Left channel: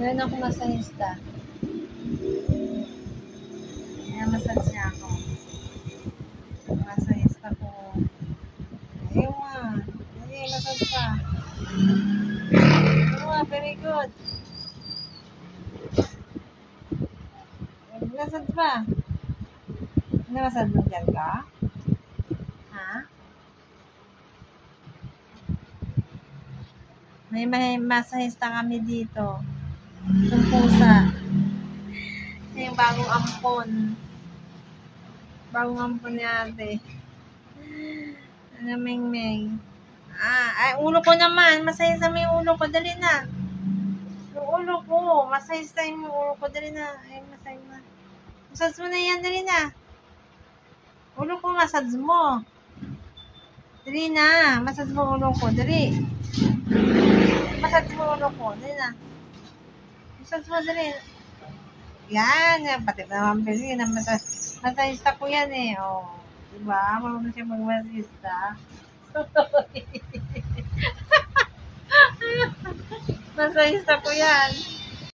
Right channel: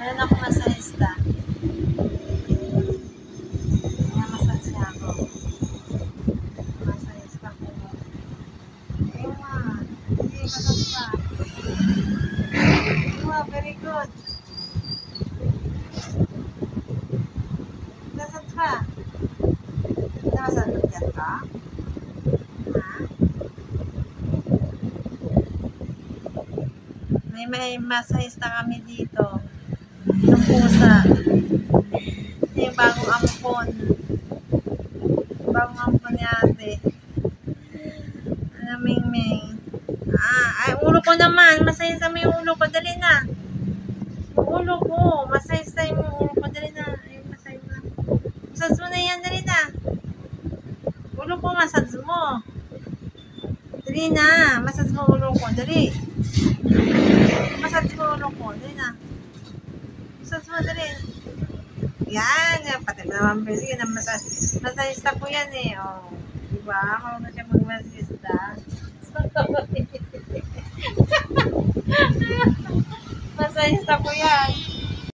Meron ako masahista. Kaya massage niya ako. Masahista ko. Ayun nga. Hindi, massage ka. Ayun nga, very good. Massage pa. Massage mo dyan ka? Ha? May masahista kami dito. Yung pusa. Yung bagong ampon. Bagong ampon ni ate. Ano, Ming-Ming? Ay, ulo ko naman. Masahista mo yung ulo ko. Dali na. Yung ulo ko. Masahista yung ulo ko. Dali na. Ay, masahista na. Massage mo na yan. Dali na. Ulo ko, massage mo. Dali na. Massage mo ulo ko. Dali. Massage mo ulo ko. Dali na. Massage mo, dali. Yan. Pati naman pili. Masahista ko yan eh. Oh. Diba? Marunong siya magmasahista. Masahista ko yan.